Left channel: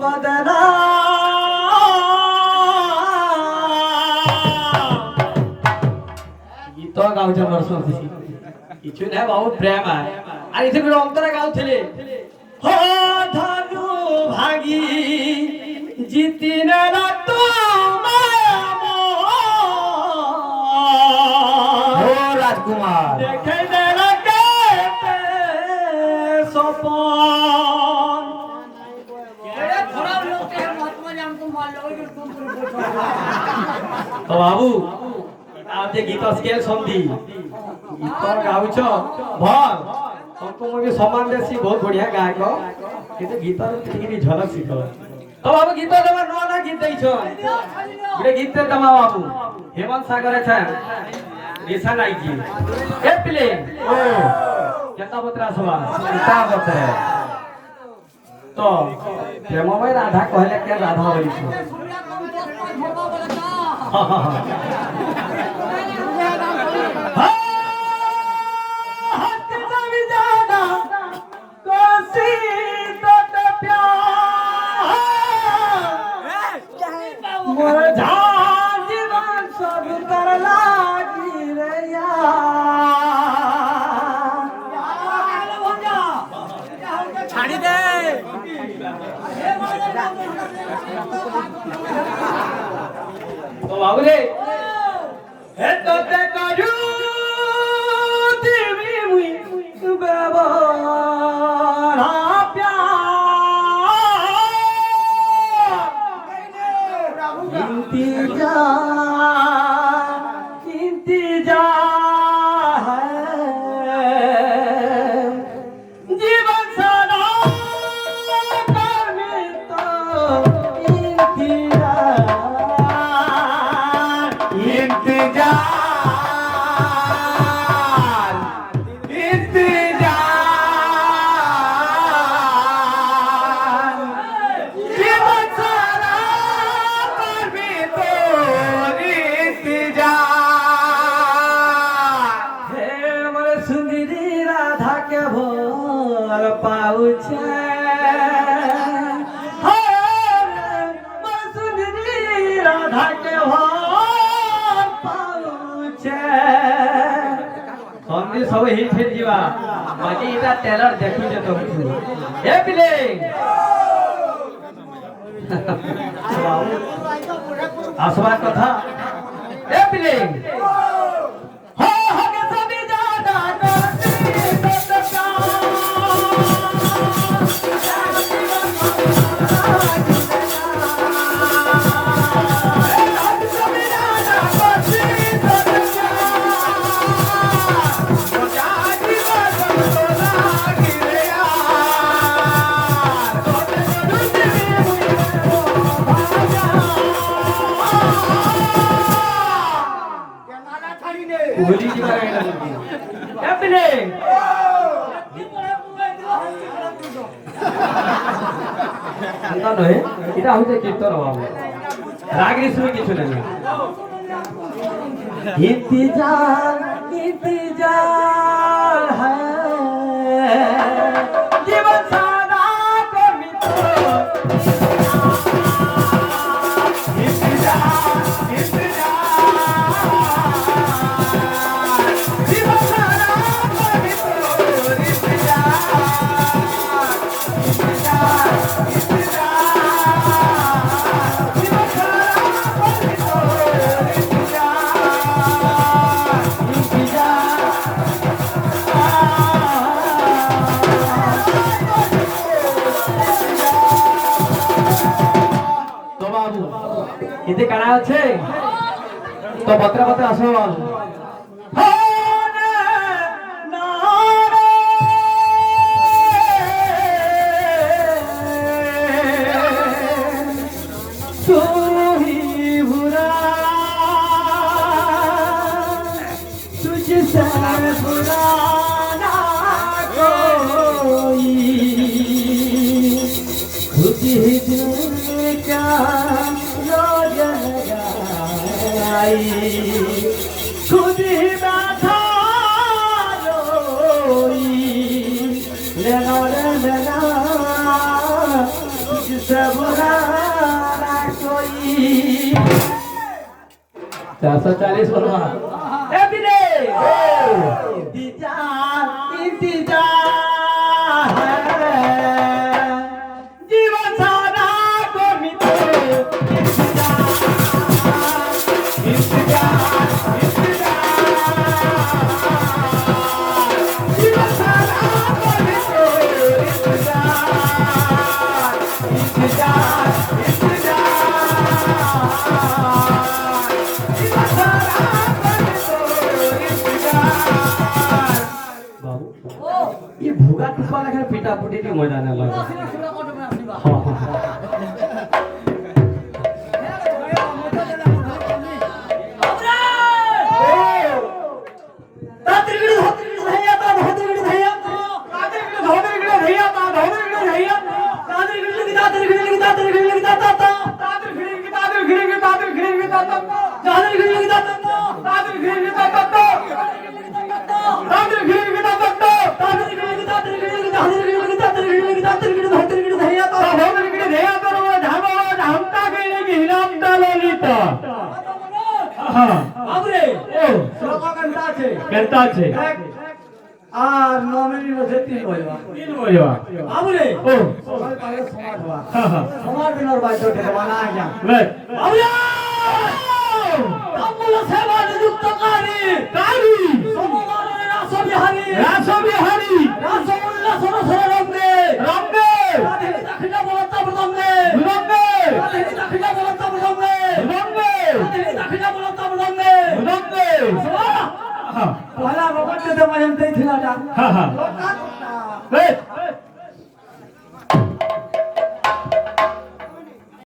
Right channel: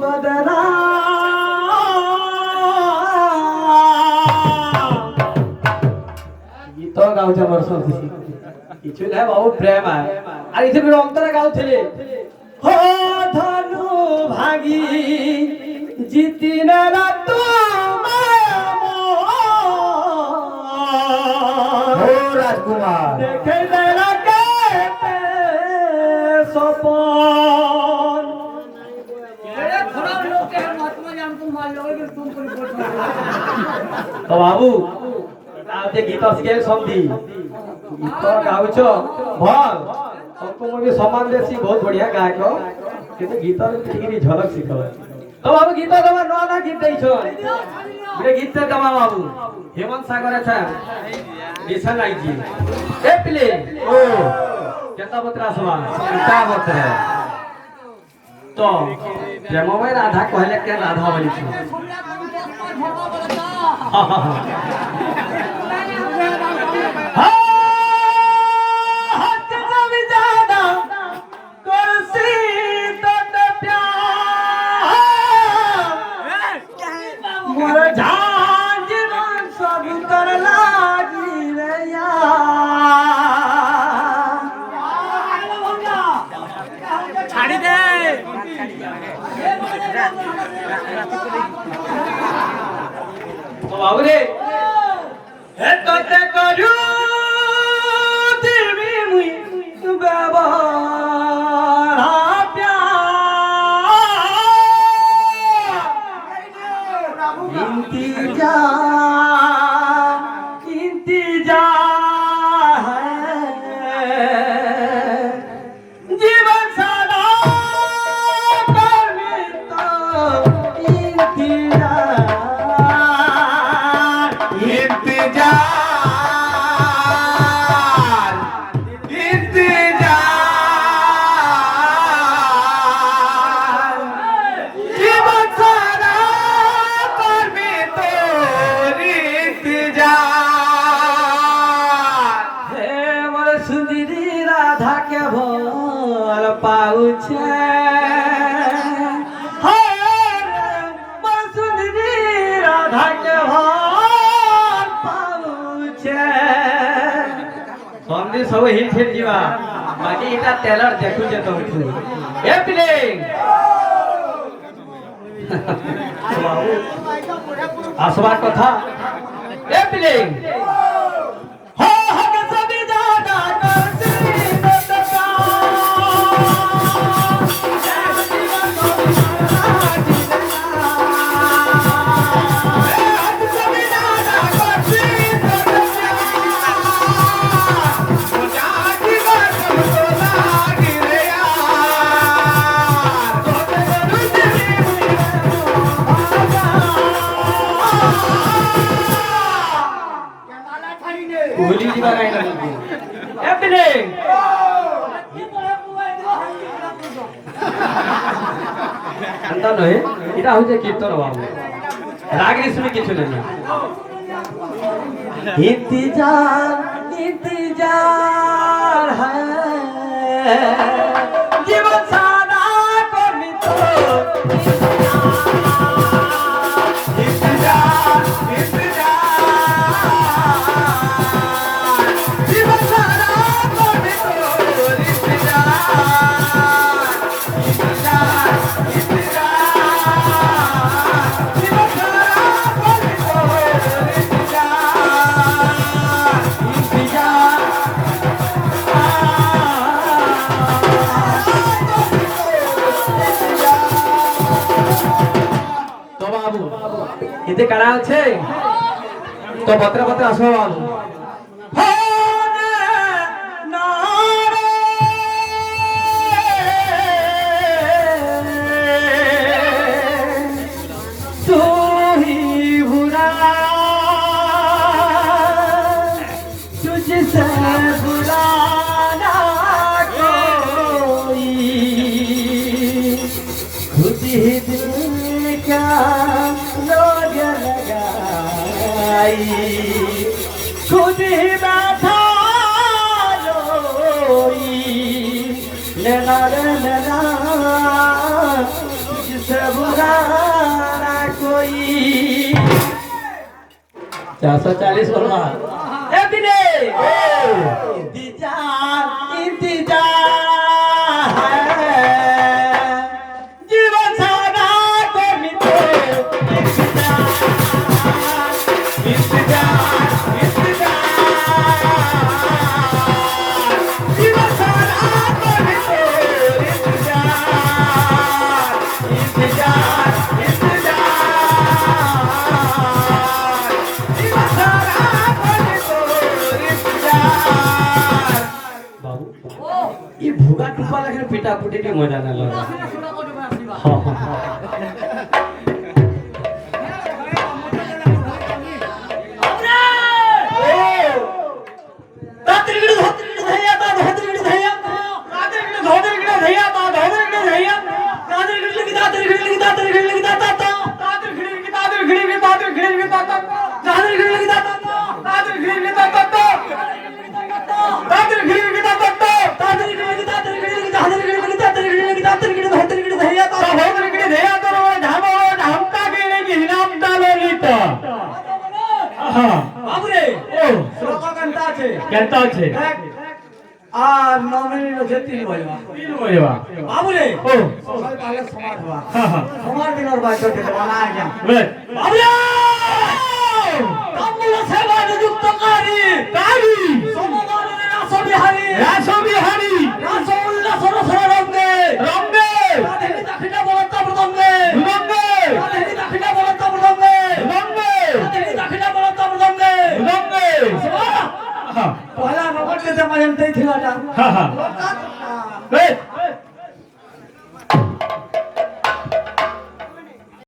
बदना गीत गाउछ वर्ष किछु नै बाबू प्रेम आहे আর इथे অন্তরে গাউଥିଲେ हो धनु भागी जितिन रात हो राजकुमार देखे देना के सपन अरे खराब लोग के महात्मा जान तुम मान लो कि तुम तो बाबू आप जे गीत स्केल समझी गीत गाउछ भल सबको भी सम्मान देसी बहुत बढ़िया गायक किंतु गीत ठीक झलक सिख तो बाबू गीत दमा न ना गीत दैछो ये गीत दमा बाबू हेमंत सागर আছে ऐसा নাই जी ए पिले ओ केता बतरा सवा केता बतरा तो प्रेममय राधा कहले के राधा बोली छो सब हिट हिट जीवा बाकी इटा टेलर देखु जे तो ए पिले आसवा कथा ए पिले हो के सभी जादा करती होली जी बारे में एपने अंतर नहे এটা হইছে কীর্তন বাবু রাগ রিসুনি কিছু নাই इंतजार है जीवन सारा को मित्र এতে কারা আছে তো পত্র পত্র আসুন खुद सबगाना कोई 440 बोलवा ए बिने इंतजार है जीवन सारा करनी तो इंतजार जीवन सारा करनी तो ये भूगा टुपा लगे पिटा पुटी की मजा ना लगा सुना को मैं आसीबा करता छे আর নমিনি নছে 3 বলবা 3 বলবা বাবুরে ও সকাল কালে সমাজবা সমাজ দিনের বাচ্চা থেকে বানা আজা বে বাবুরে কামুল সেবা নিযুক্ত করি সমগানের রাসবিহারী রাসবিহারী রাসউল্লাহ সরসর রঙ্গে